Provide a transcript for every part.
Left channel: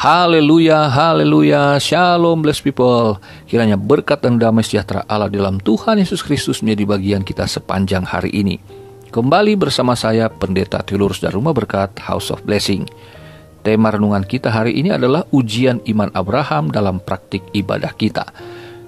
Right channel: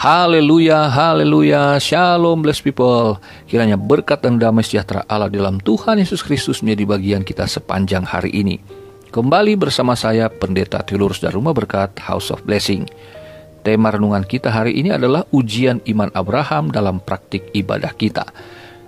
Haleluya, haleluya, shalom blessed people. Kiranya berkat dan damai sejahtera Allah dalam Tuhan Yesus Kristus menjadi bagian kita sepanjang hari ini. Kembali bersama saya, Pendeta Theolorus dari Rumah Berkat House of Blessing. Tema renungan kita hari ini adalah ujian iman Abraham dalam praktik ibadah kita.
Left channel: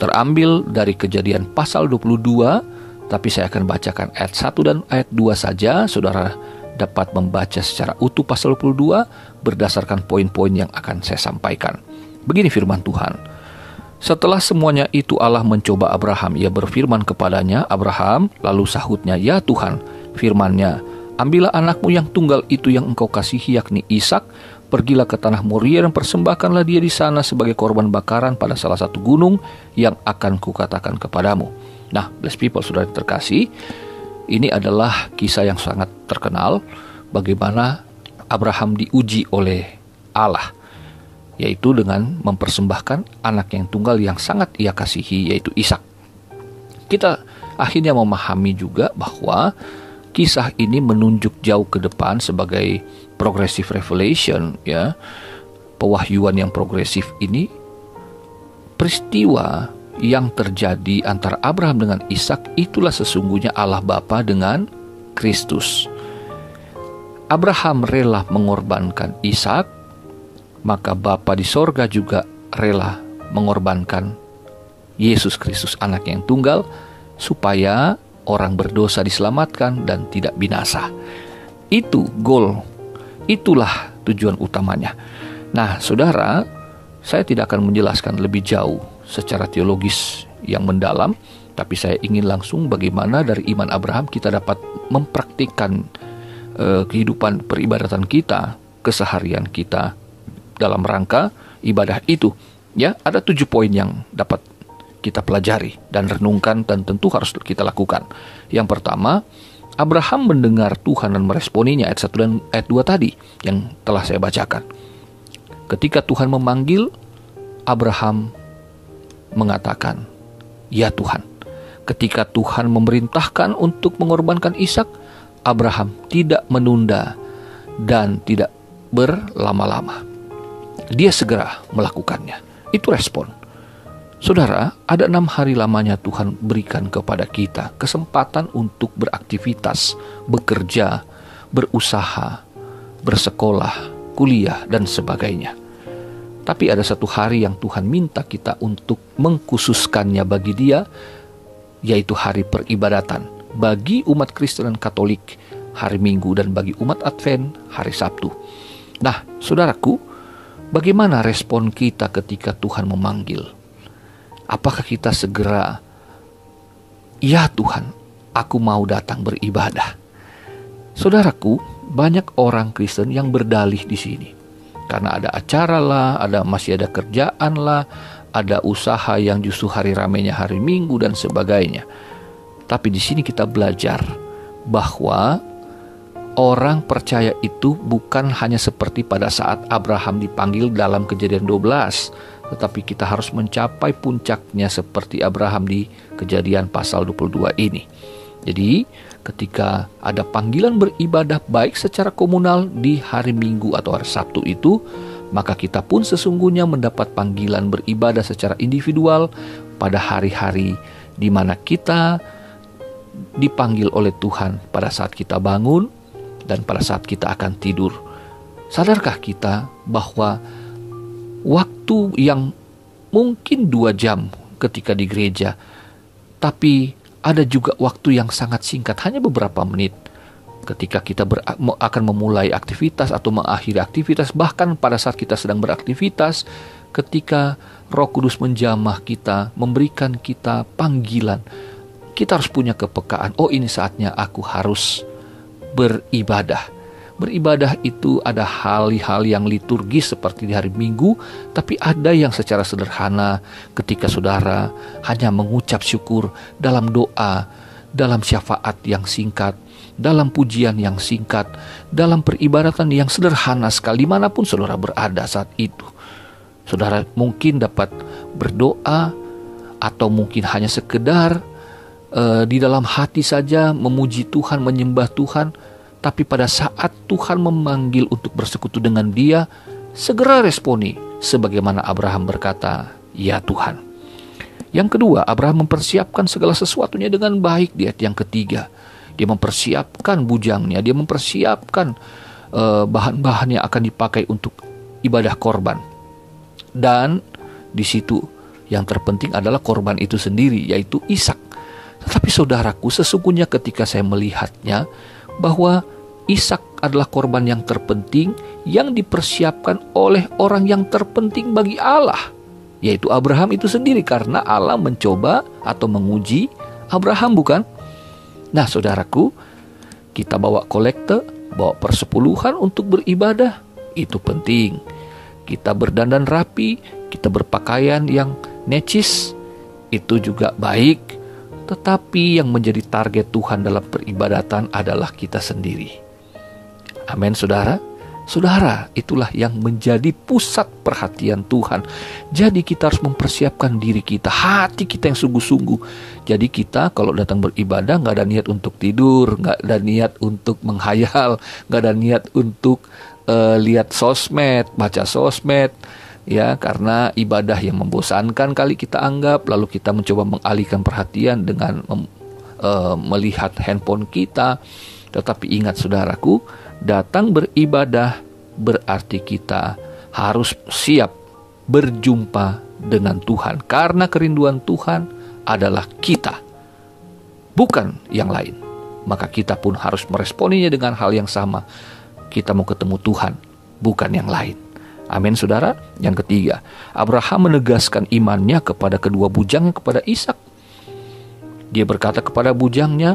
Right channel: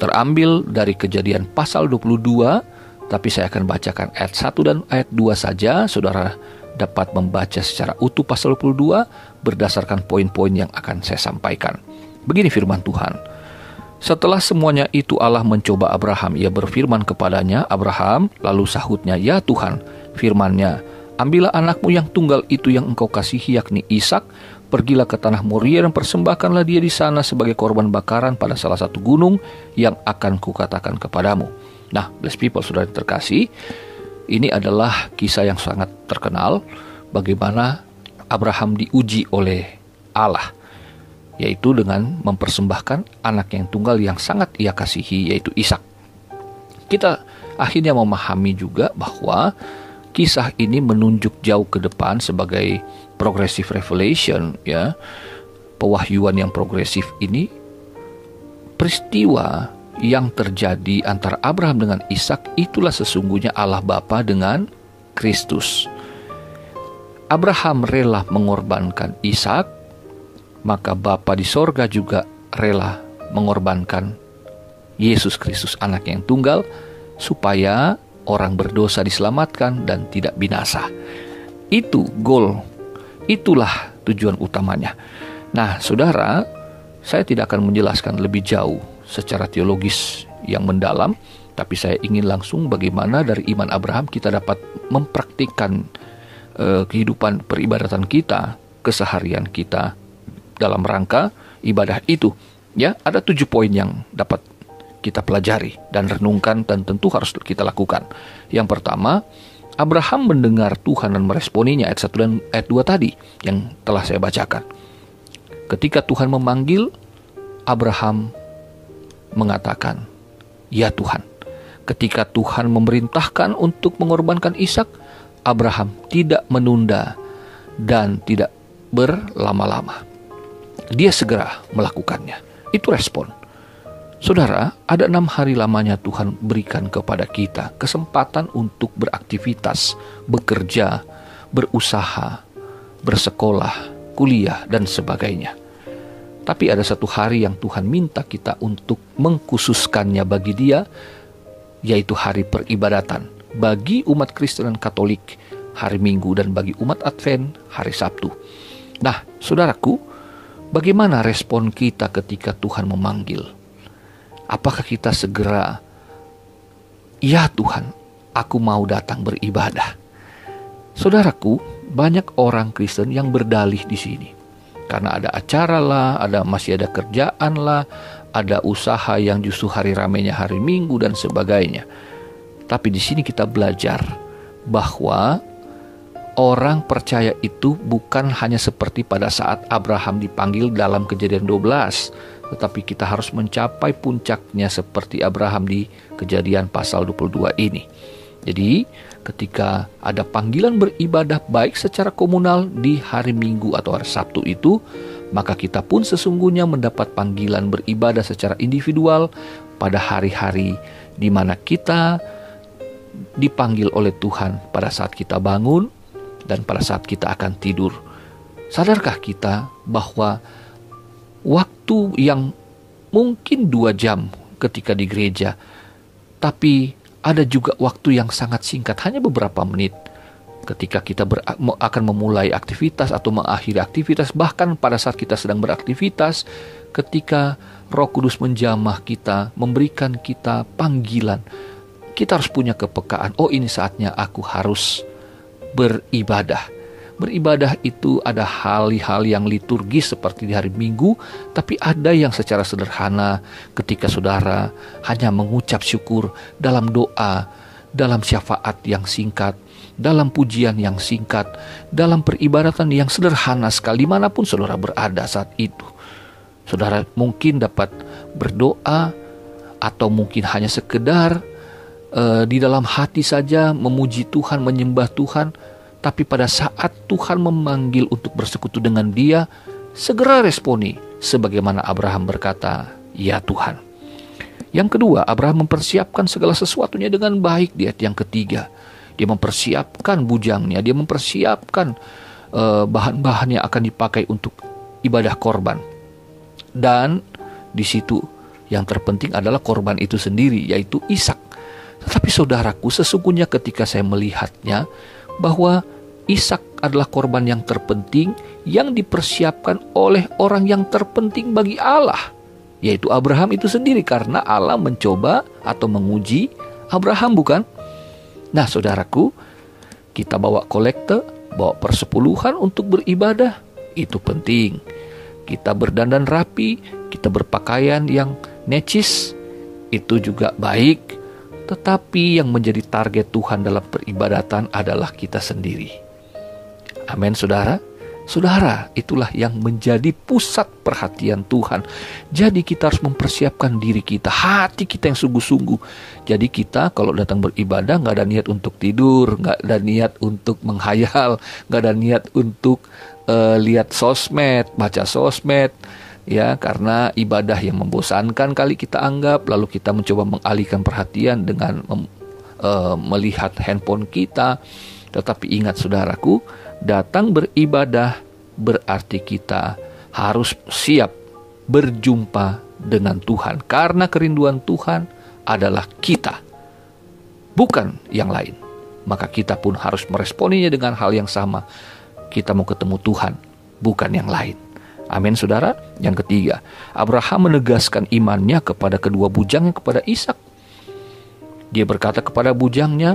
Terambil dari Kejadian pasal 22, tapi saya akan bacakan ayat 1 dan ayat 2 saja. Saudara dapat membaca secara utuh pasal 22 berdasarkan poin-poin yang akan saya sampaikan. Begini firman Tuhan. Setelah semuanya itu Allah mencoba Abraham. Ia berfirman kepadanya, Abraham, lalu sahutnya, ya Tuhan, firman-Nya, ambillah anakmu yang tunggal itu yang engkau kasihi, yakni Ishak, pergilah ke tanah Moria dan persembahkanlah dia di sana sebagai korban bakaran pada salah satu gunung yang akan kukatakan kepadamu. Nah, blessed people, saudara terkasih, ini adalah kisah yang sangat terkenal bagaimana Abraham diuji oleh Allah, yaitu dengan mempersembahkan anak yang tunggal yang sangat ia kasihi, yaitu Ishak. Kita akhirnya memahami juga bahwa kisah ini menunjuk jauh ke depan sebagai progressive revelation, ya, pewahyuan yang progresif ini, peristiwa yang terjadi antara Abraham dengan Ishak itulah sesungguhnya Allah Bapa dengan Kristus. Abraham rela mengorbankan Ishak, maka Bapa di sorga juga rela mengorbankan Yesus Kristus, anak yang tunggal, supaya orang berdosa diselamatkan dan tidak binasa. Itu goal, itulah tujuan utamanya. Nah, saudara, saya tidak akan menjelaskan lebih jauh secara teologis yang mendalam, tapi saya ingin langsung bagaimana dari iman Abraham kita dapat mempraktikkan kehidupan peribadatan kita, keseharian kita dalam rangka ibadah itu. Ya, ada 7 poin yang dapat kita pelajari dan renungkan dan tentu harus kita lakukan. Yang pertama, Abraham mendengar Tuhan dan meresponinya, ayat 1 dan ayat 2 tadi yang telah saya bacakan. Ketika Tuhan memanggil, Abraham mengatakan, ya Tuhan. Ketika Tuhan memerintahkan untuk mengorbankan Ishak, Abraham tidak menunda dan tidak berlama-lama. Dia segera melakukannya. Itu respon. Saudara, ada 6 hari lamanya Tuhan berikan kepada kita kesempatan untuk beraktivitas, bekerja, berusaha, bersekolah, kuliah, dan sebagainya. Tapi ada 1 hari yang Tuhan minta kita untuk mengkhususkannya bagi Dia, yaitu hari peribadatan. Bagi umat Kristen dan Katolik, hari Minggu, dan bagi umat Advent, hari Sabtu. Nah, saudaraku, bagaimana respon kita ketika Tuhan memanggil? Apakah kita segera, ya Tuhan, aku mau datang beribadah? Saudaraku, banyak orang Kristen yang berdalih di sini. Karena ada acara lah, masih ada kerjaan lah, ada usaha yang justru hari ramainya hari Minggu dan sebagainya. Tapi di sini kita belajar bahwa orang percaya itu bukan hanya seperti pada saat Abraham dipanggil dalam Kejadian 12, tetapi kita harus mencapai puncaknya seperti Abraham di Kejadian pasal 22 ini. Jadi, ketika ada panggilan beribadah baik secara komunal di hari Minggu atau hari Sabtu itu, maka kita pun sesungguhnya mendapat panggilan beribadah secara individual pada hari-hari di mana kita dipanggil oleh Tuhan pada saat kita bangun dan pada saat kita akan tidur. Sadarkah kita bahwa waktu yang mungkin 2 jam ketika di gereja, tapi ada juga waktu yang sangat singkat, hanya beberapa menit ketika kita akan memulai aktivitas atau mengakhiri aktivitas, bahkan pada saat kita sedang beraktivitas, ketika Roh Kudus menjamah kita, memberikan kita panggilan, kita harus punya kepekaan. Oh, ini saatnya aku harus beribadah. Beribadah itu ada hal-hal yang liturgis seperti di hari Minggu, tapi ada yang secara sederhana ketika saudara hanya mengucap syukur dalam doa, dalam syafaat yang singkat, dalam pujian yang singkat, dalam peribadatan yang sederhana sekali dimanapun saudara berada saat itu. Saudara mungkin dapat berdoa atau mungkin hanya sekedar di dalam hati saja memuji Tuhan, menyembah Tuhan. Tapi pada saat Tuhan memanggil untuk bersekutu dengan Dia, segera responi sebagaimana Abraham berkata, "Ya Tuhan." Yang kedua, Abraham mempersiapkan segala sesuatunya dengan baik di ayat yang ketiga. Dia mempersiapkan bujangnya, dia mempersiapkan bahan-bahan yang akan dipakai untuk ibadah korban. Dan di situ yang terpenting adalah korban itu sendiri, yaitu Ishak. Tetapi saudaraku, sesungguhnya ketika saya melihatnya bahwa Ishak adalah korban yang terpenting yang dipersiapkan oleh orang yang terpenting bagi Allah, yaitu Abraham itu sendiri, karena Allah mencoba atau menguji Abraham, bukan? Nah, saudaraku, kita bawa kolekte, bawa persepuluhan untuk beribadah, itu penting. Kita berdandan rapi, kita berpakaian yang necis, itu juga baik. Tetapi yang menjadi target Tuhan dalam peribadatan adalah kita sendiri. Amin, saudara. Saudara, itulah yang menjadi pusat perhatian Tuhan. Jadi kita harus mempersiapkan diri kita, hati kita yang sungguh-sungguh. Jadi kita kalau datang beribadah gak ada niat untuk tidur, gak ada niat untuk menghayal, gak ada niat untuk lihat sosmed, baca sosmed, ya, karena ibadah yang membosankan kali kita anggap, lalu kita mencoba mengalihkan perhatian dengan melihat handphone kita. Tetapi ingat saudaraku, datang beribadah berarti kita harus siap berjumpa dengan Tuhan, karena kerinduan Tuhan adalah kita, bukan yang lain. Maka kita pun harus meresponinya dengan hal yang sama. Kita mau ketemu Tuhan, bukan yang lain. Amin, saudara. Yang ketiga, Abraham menegaskan imannya kepada kedua bujangnya, kepada Ishak. Dia berkata kepada bujangnya,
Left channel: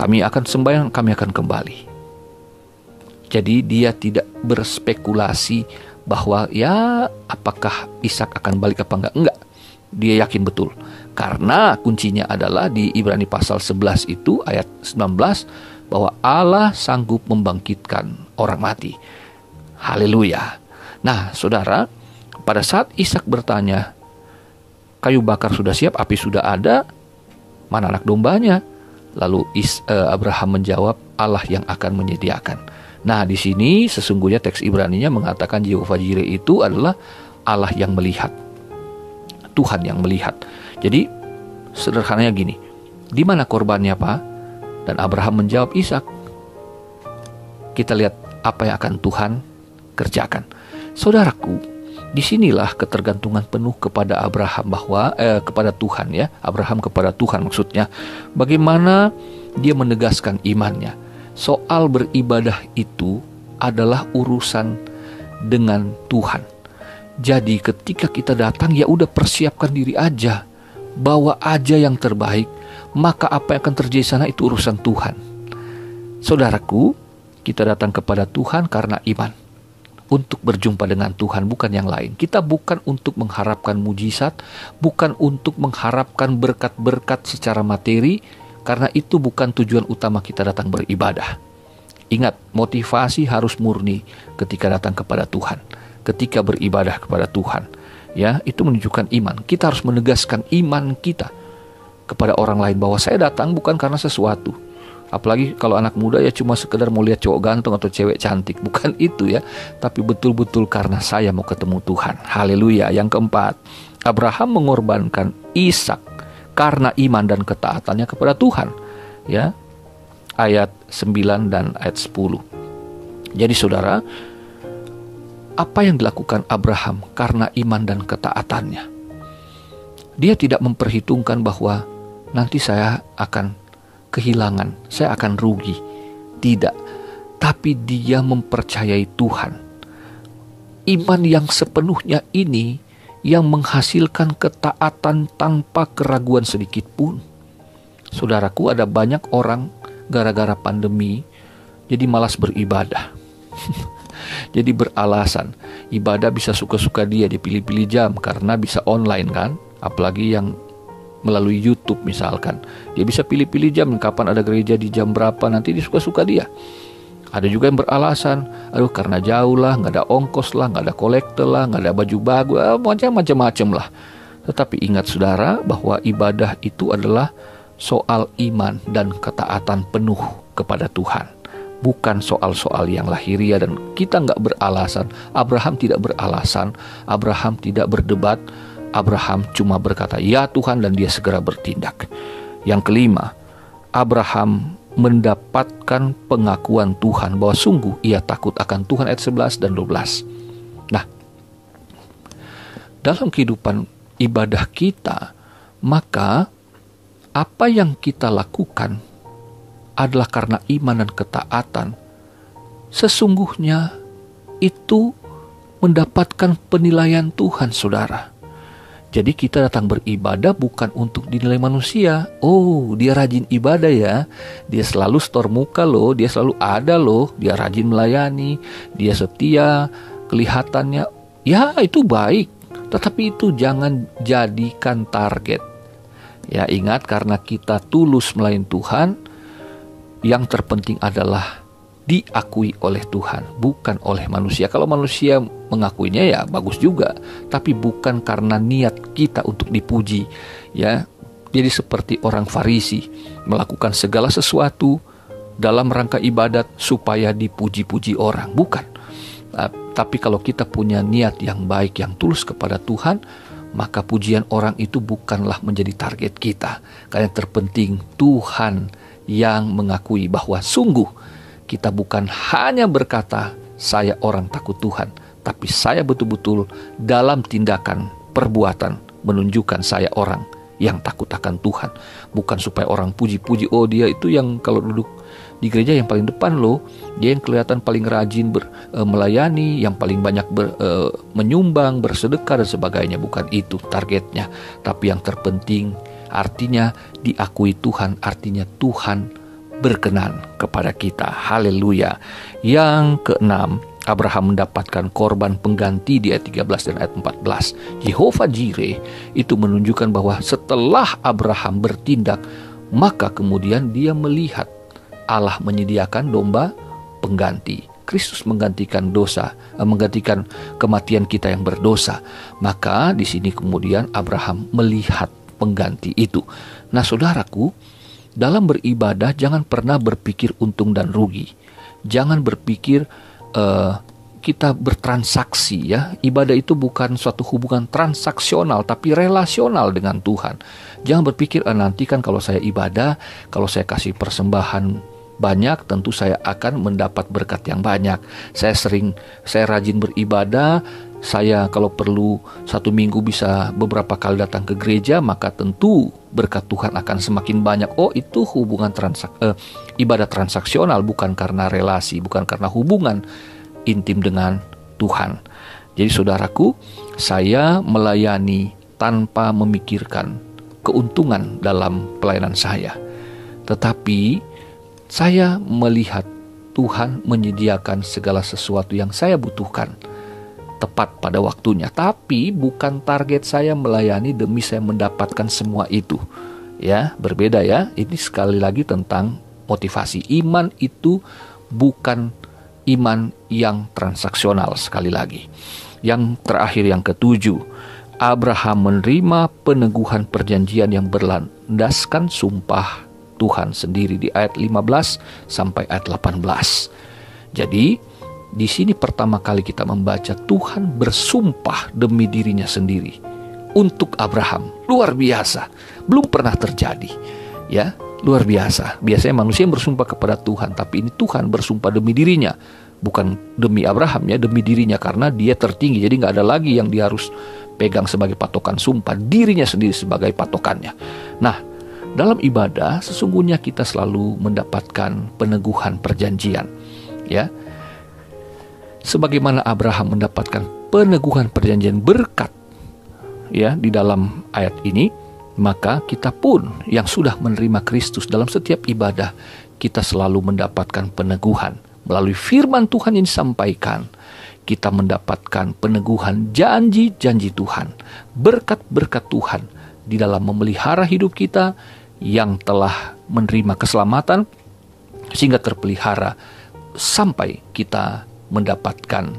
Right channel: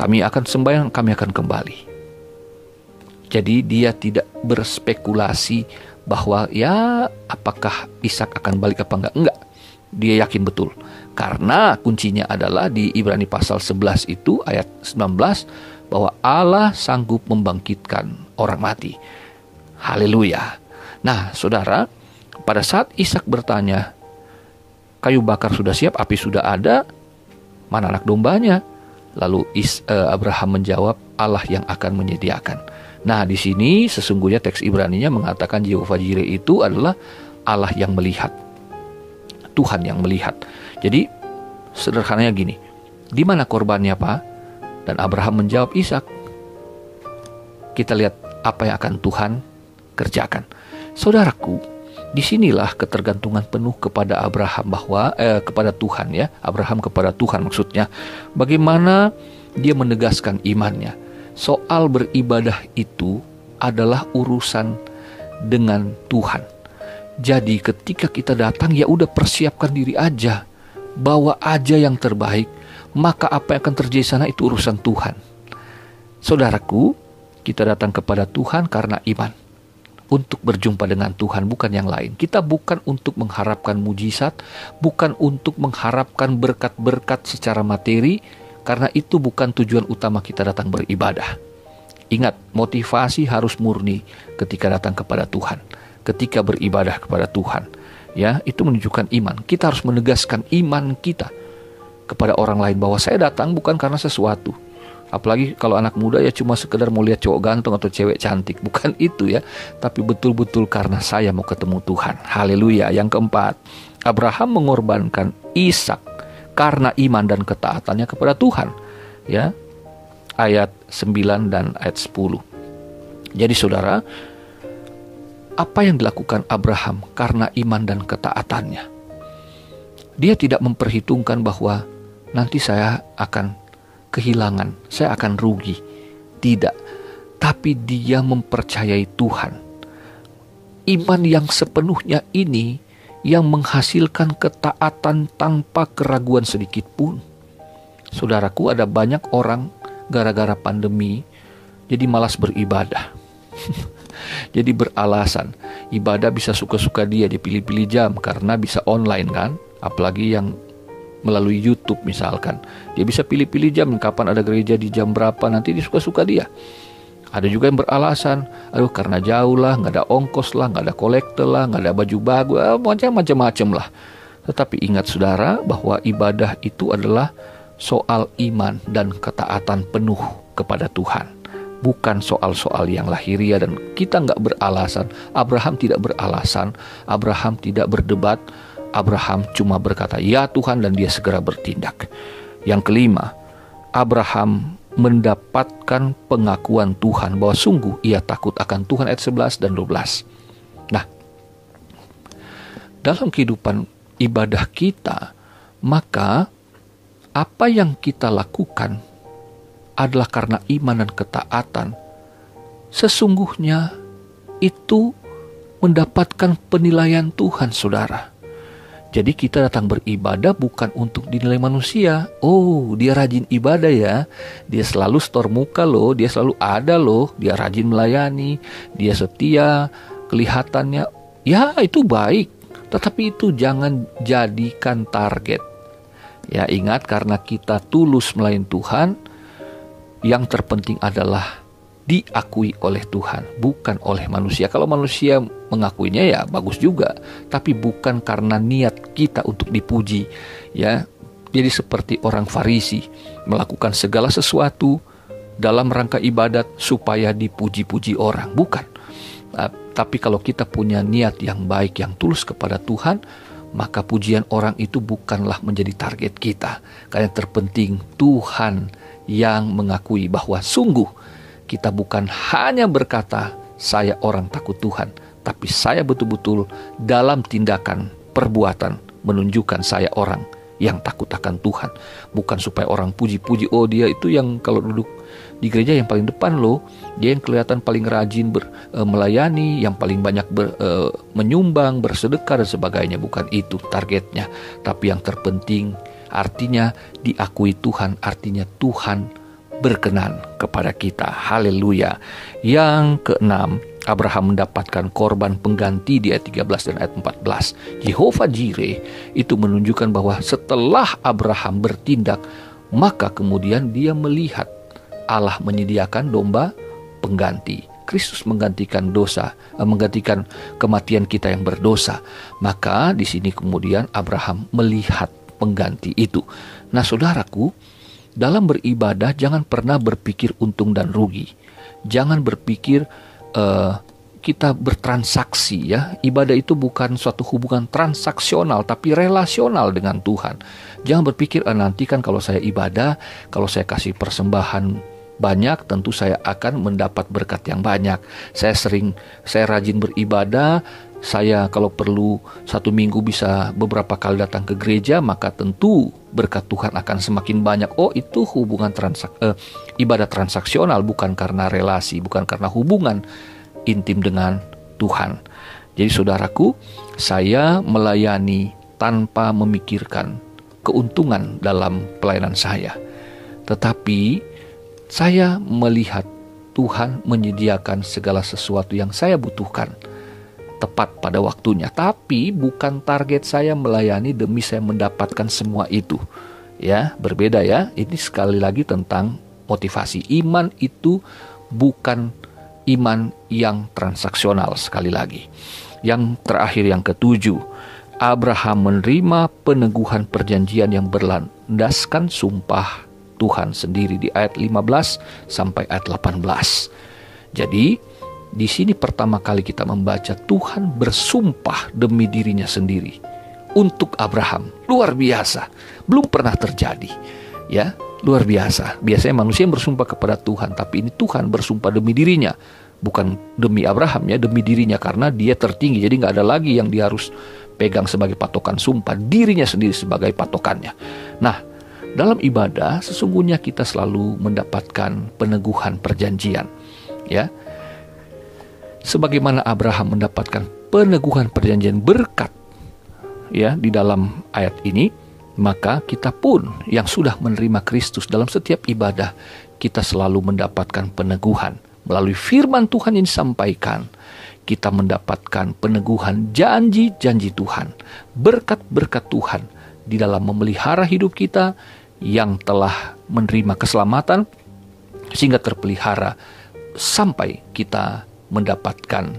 "Kami akan sembahyang, kami akan kembali." Jadi dia tidak berspekulasi bahwa ya apakah Ishak akan balik apa enggak. Dia yakin betul. Karena kuncinya adalah di Ibrani pasal 11 itu ayat 19, bahwa Allah sanggup membangkitkan orang mati. Haleluya. Nah, saudara, pada saat Ishak bertanya, "Kayu bakar sudah siap, api sudah ada, mana anak dombanya?" Lalu Abraham menjawab, "Allah yang akan menyediakan." Nah, di sini sesungguhnya teks Ibraninya mengatakan Jehovah Jireh itu adalah Allah yang melihat. Tuhan yang melihat. Jadi, sederhananya gini, di mana korbannya, Pak? Dan Abraham menjawab, Ishak. Kita lihat apa yang akan Tuhan kerjakan. Saudaraku, disinilah ketergantungan penuh kepada Abraham kepada Tuhan, ya. Abraham kepada Tuhan maksudnya. Bagaimana dia menegaskan imannya. Soal beribadah itu adalah urusan dengan Tuhan. Jadi ketika kita datang, ya udah persiapkan diri aja. Bawa aja yang terbaik. Maka apa yang akan terjadi sana itu urusan Tuhan. Saudaraku, kita datang kepada Tuhan karena iman. Untuk berjumpa dengan Tuhan, bukan yang lain. Kita bukan untuk mengharapkan mujizat, bukan untuk mengharapkan berkat-berkat secara materi, karena itu bukan tujuan utama kita datang beribadah. Ingat, motivasi harus murni ketika datang kepada Tuhan, ketika beribadah kepada Tuhan. Ya, itu menunjukkan iman. Kita harus menegaskan iman kita kepada orang lain bahwa saya datang bukan karena sesuatu. Apalagi kalau anak muda ya cuma sekedar mau lihat cowok ganteng atau cewek cantik. Bukan itu ya. Tapi betul-betul karena saya mau ketemu Tuhan. Haleluya. Yang keempat, Abraham mengorbankan Ishak karena iman dan ketaatannya kepada Tuhan. Ya. Ayat 9 dan ayat 10. Jadi saudara, apa yang dilakukan Abraham karena iman dan ketaatannya? Dia tidak memperhitungkan bahwa nanti saya akan kehilangan, saya akan rugi. Tidak. Tapi dia mempercayai Tuhan. Iman yang sepenuhnya ini yang menghasilkan ketaatan tanpa keraguan sedikit pun. Saudaraku, ada banyak orang gara-gara pandemi jadi malas beribadah. Jadi beralasan ibadah bisa suka-suka dia pilih-pilih jam karena bisa online kan. Apalagi yang melalui YouTube misalkan, dia bisa pilih-pilih jam kapan ada gereja di jam berapa, nanti dia suka-suka dia. Ada juga yang beralasan, aduh karena jauh lah, gak ada ongkos lah, gak ada kolektor lah, gak ada baju bagus, macam-macam lah. Tetapi ingat saudara bahwa ibadah itu adalah soal iman dan ketaatan penuh kepada Tuhan. bukan soal-soal yang lahiria, dan kita nggak beralasan. Abraham tidak beralasan, Abraham tidak berdebat, Abraham cuma berkata, "Ya Tuhan," dan dia segera bertindak. Yang kelima, Abraham mendapatkan pengakuan Tuhan bahwa sungguh ia takut akan Tuhan, ayat 11 dan 12. Nah, dalam kehidupan ibadah kita, maka apa yang kita lakukan adalah karena iman dan ketaatan. Sesungguhnya itu mendapatkan penilaian Tuhan, saudara. Jadi kita datang beribadah bukan untuk dinilai manusia. Oh, dia rajin ibadah ya. Dia selalu setor muka loh. Dia selalu ada loh. Dia rajin melayani. Dia setia. Kelihatannya, ya itu baik. Tetapi itu jangan jadikan target. Ya, ingat, karena kita tulus melayani Tuhan, yang terpenting adalah diakui oleh Tuhan, bukan oleh manusia. Kalau manusia mengakuinya ya bagus juga, tapi bukan karena niat kita untuk dipuji. Ya, jadi seperti orang Farisi melakukan segala sesuatu dalam rangka ibadat supaya dipuji-puji orang, bukan. Tapi kalau kita punya niat yang baik, yang tulus kepada Tuhan, maka pujian orang itu bukanlah menjadi target kita. Karena yang terpenting Tuhan yang mengakui bahwa sungguh kita bukan hanya berkata, "Saya orang takut Tuhan," tapi saya betul-betul dalam tindakan, perbuatan menunjukkan saya orang yang takut akan Tuhan. Bukan supaya orang puji-puji, "Oh, dia itu yang kalau duduk di gereja yang paling depan loh, dia yang kelihatan paling rajin melayani, yang paling banyak menyumbang, bersedekah dan sebagainya." Bukan itu targetnya. Tapi yang terpenting artinya diakui Tuhan, artinya Tuhan berkenan kepada kita. Haleluya. Yang keenam, Abraham mendapatkan korban pengganti di ayat 13 dan ayat 14. Jehovah Jireh itu menunjukkan bahwa setelah Abraham bertindak, maka kemudian dia melihat Allah menyediakan domba pengganti. Kristus menggantikan dosa, menggantikan kematian kita yang berdosa. Maka di sini kemudian Abraham melihat pengganti itu. Nah, saudaraku, dalam beribadah jangan pernah berpikir untung dan rugi. Jangan berpikir kita bertransaksi ya. Ibadah itu bukan suatu hubungan transaksional, tapi relasional dengan Tuhan. Jangan berpikir nanti kan kalau saya ibadah, kalau saya kasih persembahan banyak, tentu saya akan mendapat berkat yang banyak. Saya rajin beribadah, saya kalau perlu 1 minggu bisa beberapa kali datang ke gereja, maka tentu berkat Tuhan akan semakin banyak. Oh, itu hubungan ibadah transaksional, bukan karena relasi, bukan karena hubungan intim dengan Tuhan. Jadi saudaraku, saya melayani tanpa memikirkan keuntungan dalam pelayanan saya. Tetapi saya melihat Tuhan menyediakan segala sesuatu yang saya butuhkan tepat pada waktunya. Tapi bukan target saya melayani demi saya mendapatkan semua itu. Ya, berbeda ya. Ini sekali lagi tentang motivasi. Iman itu bukan iman yang transaksional, sekali lagi. Yang terakhir, yang ketujuh, Abraham menerima peneguhan perjanjian yang berlandaskan sumpah Tuhan sendiri di ayat 15 sampai ayat 18. Jadi di sini pertama kali kita membaca Tuhan bersumpah demi dirinya sendiri untuk Abraham. Luar biasa, belum pernah terjadi. Ya, luar biasa. Biasanya manusia yang bersumpah kepada Tuhan, tapi ini Tuhan bersumpah demi dirinya, bukan demi Abraham ya, demi dirinya, karena dia tertinggi. Jadi nggak ada lagi yang dia harus pegang sebagai patokan sumpah, dirinya sendiri sebagai patokannya. Nah, dalam ibadah sesungguhnya kita selalu mendapatkan peneguhan perjanjian. Ya, sebagaimana Abraham mendapatkan peneguhan perjanjian berkat ya di dalam ayat ini, maka kita pun yang sudah menerima Kristus dalam setiap ibadah, kita selalu mendapatkan peneguhan melalui firman Tuhan yang disampaikan. Kita mendapatkan peneguhan janji-janji Tuhan, berkat-berkat Tuhan di dalam memelihara hidup kita yang telah menerima keselamatan sehingga terpelihara sampai kita mendapatkan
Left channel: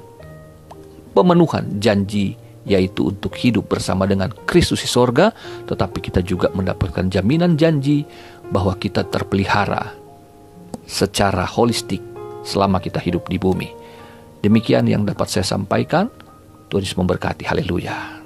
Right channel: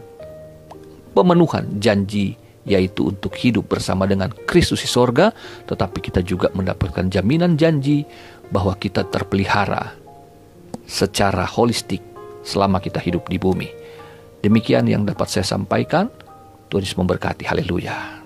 pemenuhan janji, yaitu untuk hidup bersama dengan Kristus di sorga. Tetapi kita juga mendapatkan jaminan janji bahwa kita terpelihara secara holistik selama kita hidup di bumi. Demikian yang dapat saya sampaikan. Tuhan Yesus memberkati. Haleluya.